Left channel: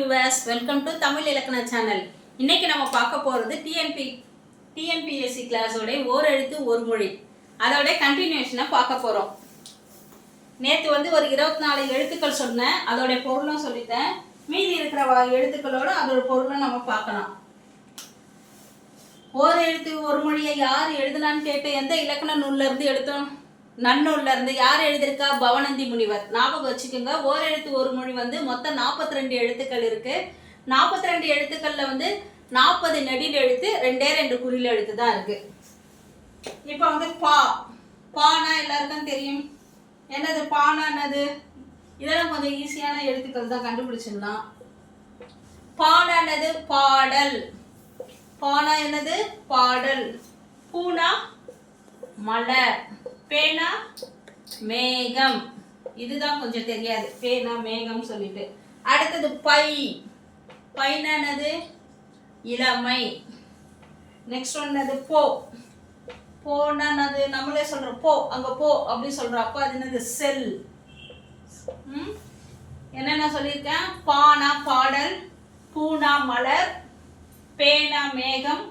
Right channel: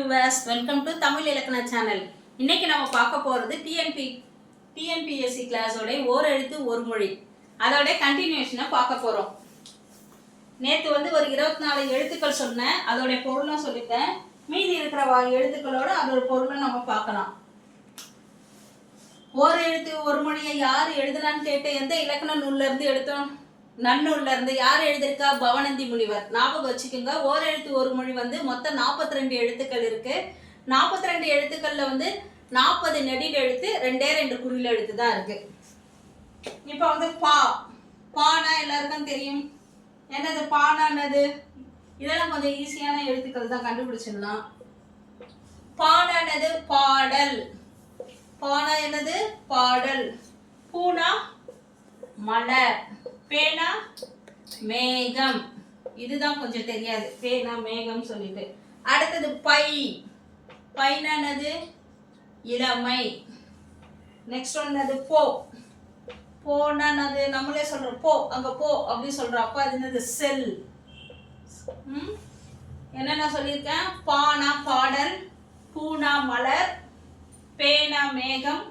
Viewers, welcome to Tamil இலக்கண channel. இன்னைக்கு நம்ம பார்க்க போகிறது டிஎன்பிஎஸ்சி கிளாஸோட ஓர் எழுத்து ஒரு மொழி அதோட கண்டினியூஷனை பார்க்க போகிறோம். நேற்று ஒரு 24 எழுத்துக்கள் சொன்னேன், அதோடைய பொருளும் சொல்லிட்டேன். மீதி இருக்கிற எழுத்துக்களோட அதோட பொருளும் நம்ம பார்க்கலாம். ஓர் எழுத்து ஒரு மொழியை யார் எழுதுனான்னு கேட்டு எந்த இலக்கண நூல்ல இருந்து எடுத்தோம்? நன்னூல்ல இருந்து. யார் எழுதியிருக்கா? பவனந்தி முனிவர். ஞாபகம் வச்சுக்கோங்க. ஓர் எழுத்து ஒரு மொழி மொத்தம் 42 எழுத்துக்கள் இருக்கு. 42 எழுத்துக்கள்ல 40 நெடில் எழுத்து, 2 குறில் எழுத்து தான் இருக்கு. இப்போ பானா எல்லாருக்கும் தெரியும். என்னது பானா? என்னது? இதெல்லாம் கொஞ்சம் ஈஸியான எழுத்துக்கள் தான், கண்டுபிடிச்சிடலாம். பானா என்னது? பாடல். பானா என்னது? பாடல். பூனா மலர். பேனா மேகம். இதுதான் கொஞ்சம் தெரியாது, பேனா மேகம் சொல்லிட்டு. அடுத்தது பை. பைனா என்னது? இளமை. நெக்ஸ்ட் என்னது? போ. போனா என்னது? நம்மளே சொல்றோம் போ, அங்க போ அப்படி சொல்றோம். அப்ப அது என்னது? செல். என்னென்ன சொல்லியிருக்கேன்? பானா பாடல், பூனா மலர், பேனா மேகம்,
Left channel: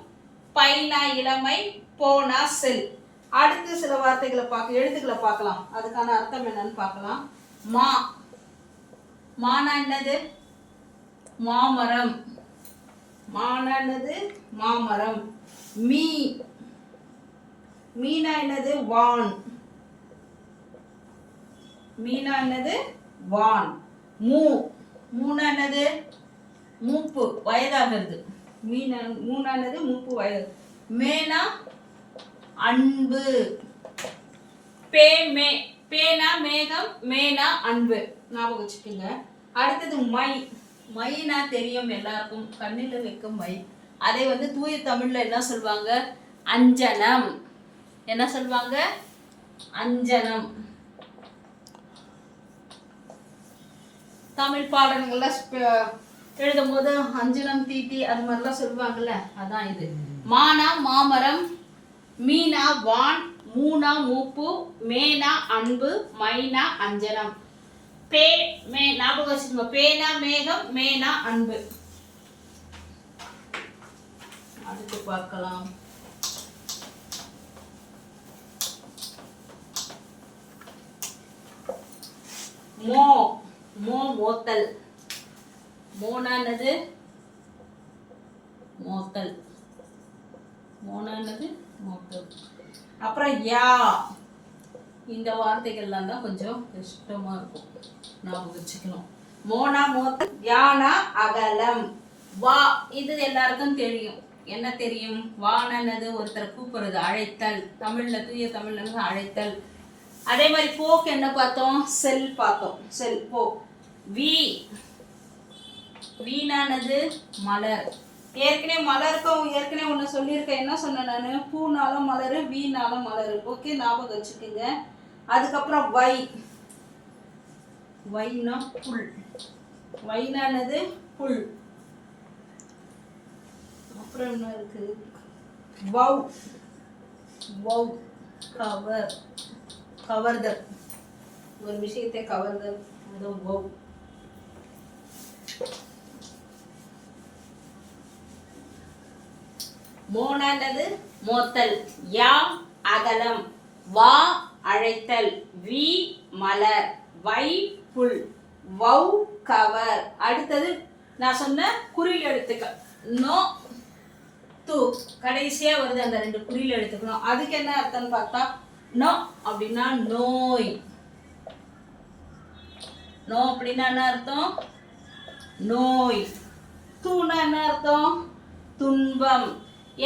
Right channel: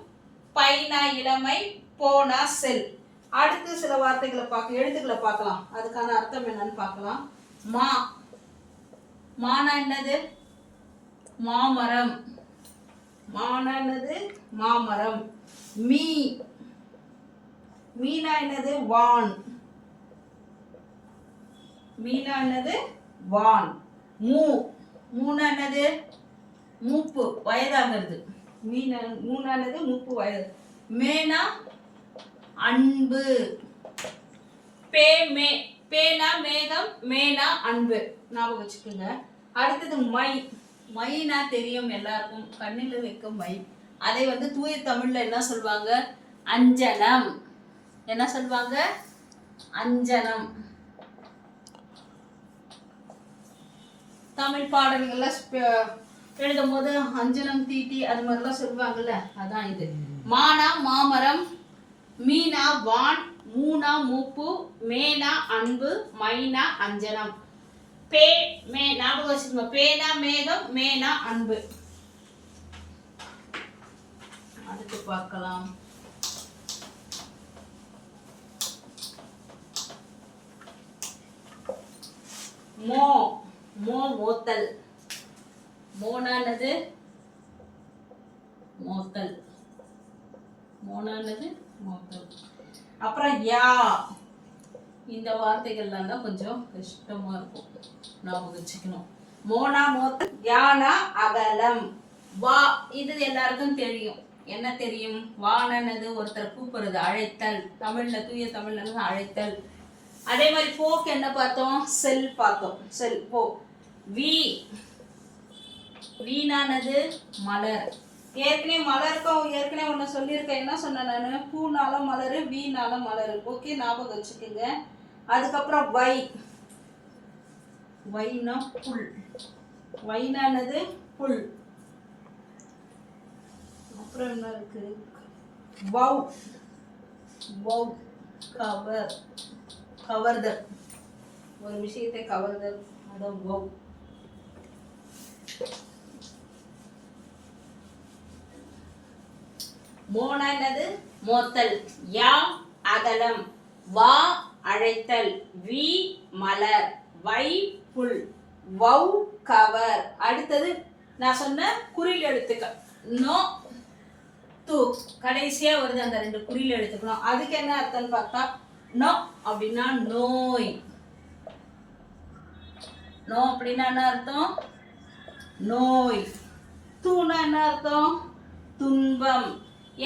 பைனா இளமை, போனா செல். அடுத்து சில வார்த்தைகளை எழுத்துக்களை பார்க்கலாம். அதுக்கான அர்த்தம் என்னன்னு பார்க்கலாம். மா. மானா என்னது? மாமரம். மானா என்னது? மாமரம். மீ. மீனா என்னது? வான். மீனா என்னது? வான். மூ. மூனா என்னது? மூப்பு, வயதாகிறது. மூனா என்னது? மூப்பு, வயது. மேனா அன்பு. பேனா மேகம், மேனா அன்பு. ஞாபகம் வச்சுக்கோங்க. அடுத்தது மை. மைனா தெரியும் எல்லாருக்கும், கண்ணில் வைக்கும் மை. அதை தூய தமிழ்ல என்ன சொல்வாங்க? அஞ்சனம். என்ன சொல்வாங்க? அஞ்சனம். தமிழ் பாடல்கள்ல எழுதும் போது அஞ்சனம் தீட்டி அது மாதிரிலாம் சொல்லுவாங்கல்ல, அதான் இது. மானா மாமரம், மீனா வான், மூனா மூப்பு, மேனா அன்பு, மைனா அஞ்சனம். ஞாபகம் வச்சுக்கோங்க. பேனா மேகம், மேனா அன்பு. அடுத்து பார்க்கலாம். மோ. மோத்தல். மோனா என்னது? மோத்தல். மோனா என்னது? மோத்தல். அப்புறம் யா. இந்த வார்த்தைகள்லாம் தான் கொஞ்சம் கஷ்டமா இருக்கும், ஞாபகம் வச்சுக்கணும். மோனா மோத்தல், யானா அகலம். வா. இது எல்லாருக்கும் தெரியும். என்ன தெரியும்? வானது ஒருத்தர் கூப்பிடுறது, அழைத்தல். தமிழ்ல, தூய தமிழ்ல அழைத்தல். அதே மாதிரி போக்கு என்ன பார்த்தோம்? செல் பார்த்தோம். செல், போ. வி. வீணானது மலர். ஏற்கனவே ஒன்று சொல்லியிருக்கேன். என்ன சொன்னேன் நான்? பூனாலும் மலரு, வீணாலும் மலரு. ஓகே, ஞாபகம் வச்சுக்கோங்க. அதுக்கப்புறம் வை. வைனா புல். வைனானது புல். அப்புறம் என்ன இருக்கு? வவ். வவ் கவர். கவர்தல். ஒரு விஷயத்தை கவர்தல், அதான் வவ். மோனா என்னது? மோத்தல். யா அகலம். வா அழைத்தல். We Malar. Why pull. வவ் cover. அடுத்தது நான் சொன்ன குறில் எழுத்துக்கள். நோ து கடைசியா வருது, அந்த 2 குறில் எழுத்துக்கணும். அதுக்கு என்ன அர்த்தம்னு பார்த்தா, நோ அப்படின்னா நோய். நோ அப்படின்னா என்ன அர்த்தம்? நோய். தூனா என்ன அர்த்தம்? துன்பம்.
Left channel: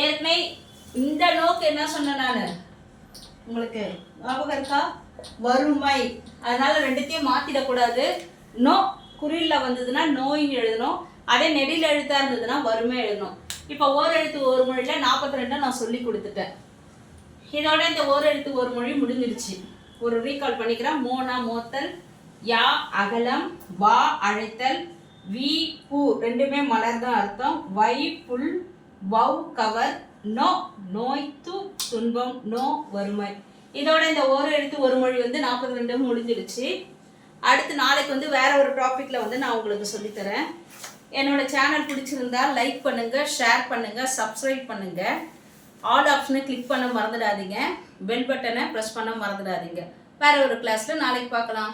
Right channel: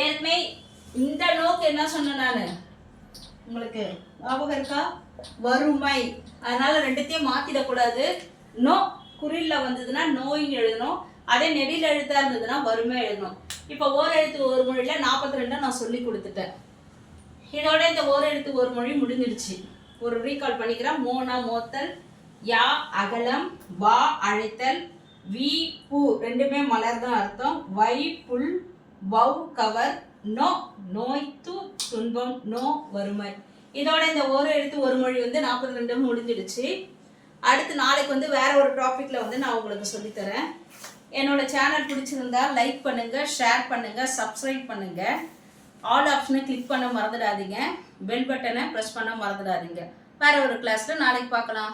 ஏற்கனவே இந்த நோக்கு என்ன சொன்ன நானு உங்களுக்கு ஞாபகம் இருக்கா? வறுமை. அதனால 2த்தையும் மாத்திடக்கூடாது. நோ குறில்ல வந்ததுன்னா நோய் எழுதணும், அதே நெடில் எழுத்தா இருந்ததுன்னா வறுமை எழுதணும். இப்போ ஓர் எழுத்து ஒரு மொழியில 42 நான் சொல்லி கொடுத்துட்டேன். இதோட இந்த ஓர் எழுத்து ஒரு மொழி முடிஞ்சிருச்சு. ஒரு ரீகால் பண்ணிக்கிறேன். மோனா மோத்தல், யா அகலம், வா அழைத்தல், வி பூ, 2மே மலர் தான் அர்த்தம், வை புல், வவ் கவர், நோ நோய், து துன்பம், நோ வறுமை. இதோட இந்த ஒரு எழுத்து ஒரு மொழி 42 முடிஞ்சிடுச்சு. அடுத்து நாளைக்கு வேற ஒரு டாபிக்ல நான் உங்களுக்கு சொல்லித்தரேன். என்னோட சேனல் பிடிச்சிருந்தா லைக் பண்ணுங்கள், ஷேர் பண்ணுங்கள், சப்ஸ்கிரைப் பண்ணுங்கள். ஆல் ஆப்ஷனை கிளிக் பண்ண மறந்துடாதீங்க. பெல் பட்டனை ப்ரெஸ் பண்ண மறந்துடாதீங்க. வேறு ஒரு கிளாஸில் நாளைக்கு பார்க்கலாம்.